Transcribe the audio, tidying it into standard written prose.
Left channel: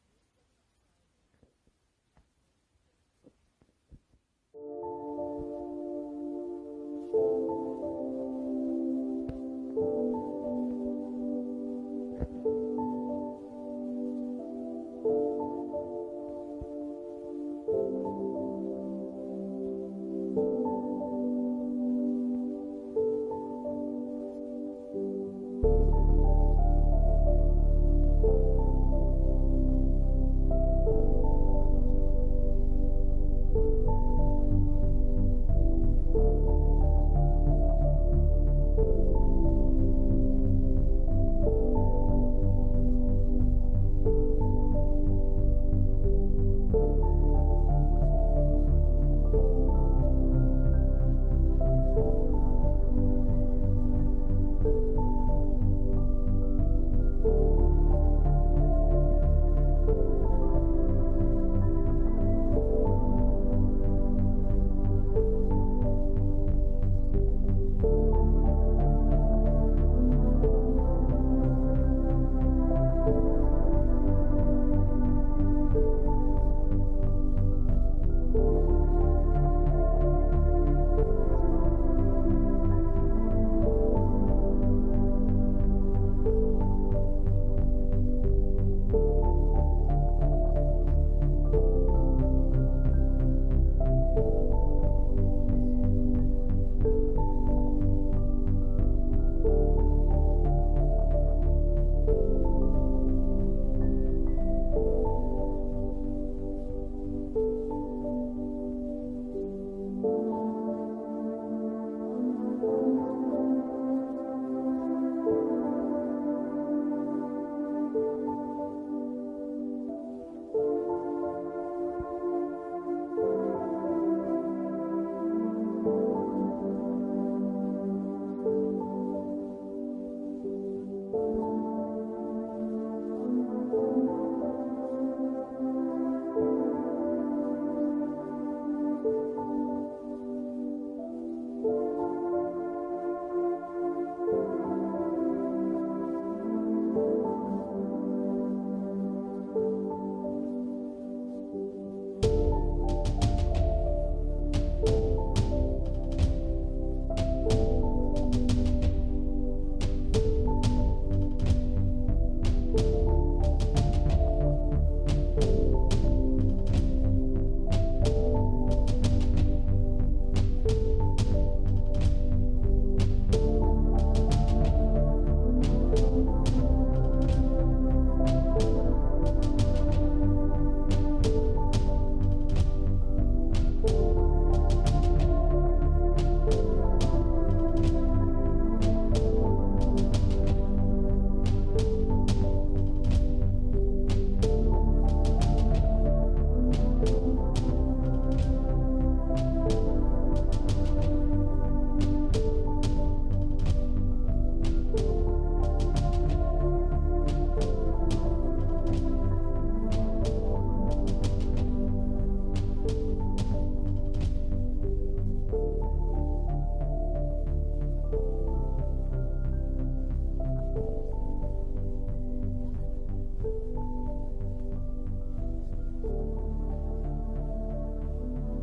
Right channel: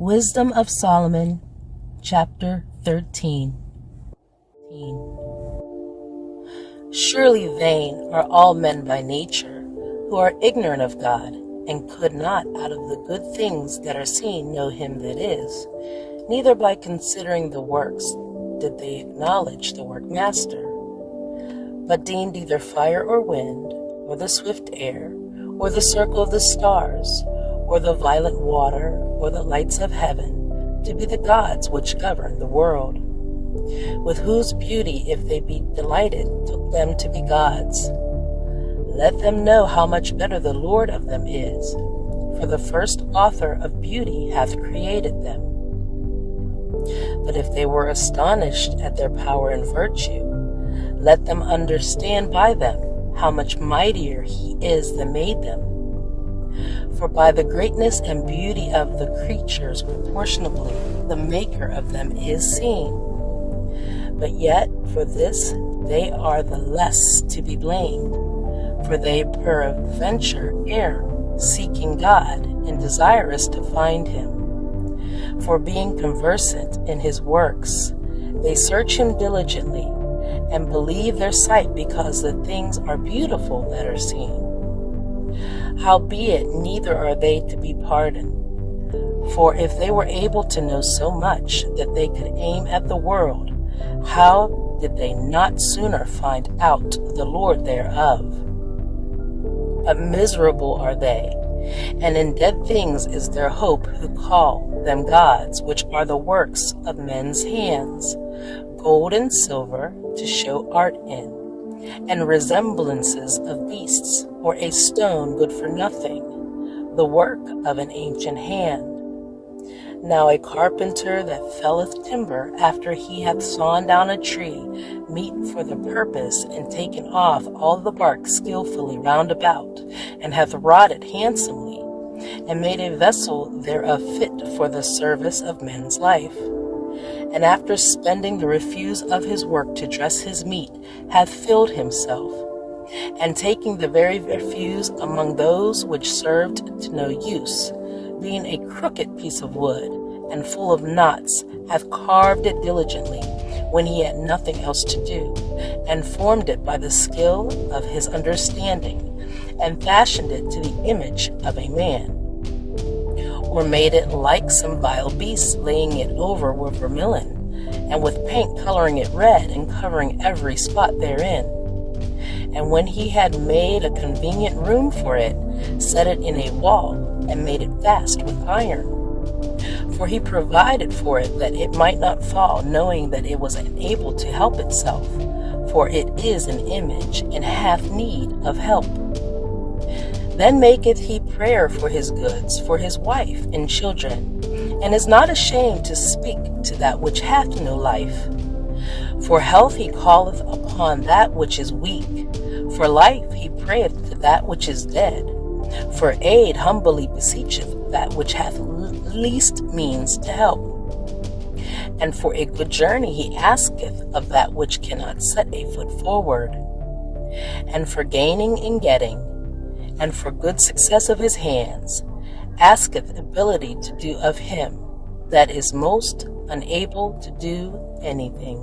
Wisdom of Solomon, chapter 13. Surely vain are all men by nature, who are ignorant of God, and could not out of the good things that are seen know him that is. Neither by considering the works did they acknowledge the workmaster, but deemed either fire or wind, or the swift air, or the circle of the stars, or the violent water, or the lights of heaven, to be the gods which govern the world, with whose beauty, if they be delighted, took them to be gods. Let them know how much better the Lord of them is, for the first author of beauty hath created them. But if they were astonished at their power and virtue, let them understand by them how much mightier he is that made them. For by the greatness and beauty of the creatures proportionably the maker of them is seen. But yet for this they are the less to be blamed, for they peradventure err, seeking God, and desirous to find him. For being conversant in his works, they search him diligently, and believe their sight, because the things are beautiful that are seen. Howbeit neither are they to be pardoned. For if they were able to know so much that they could aim at the world, how did they not sooner find out the Lord thereof? But miserable are they, and in dead things is their hope, who call them gods, which are the works of men's hands, gold and silver to show art in, and resemblances of beasts, or a stone good for nothing, the work of an ancient hand. Now a carpenter that felleth timber, after he hath sawn down a tree, meet for the purpose, and taken off all the bark skillfully round about, and hath wrought it handsomely, and made a vessel thereof fit for the service of men's life. And after spending the refuse of his work to dress his meat, hath filled himself, and taking the very refuse among those which served to no use, being a crooked piece of wood, and full of knots, hath carved it diligently, when he had nothing else to do, and formed it by the skill of his understanding, and fashioned it to the image of a man, or made it like some vile beast, laying it over with vermilion, and with paint coloring it red, and covering every spot therein. And when he had made a convenient room for it, set it in a wall, and made it fast with iron. For he provided for it that it might not fall, knowing that it was unable to help itself, for it is an image, and hath need of help. Then maketh he prayer for his goods, for his wife and children, and is not ashamed to speak to that which hath no life. For health he calleth upon that which is weak, for life he prayeth to that which is dead. For aid humbly beseecheth that which hath least means to help. And for a good journey he asketh of that which cannot set a foot forward. And for gaining and getting, and for good success of his hands, asketh ability to do of him that is most unable to do anything.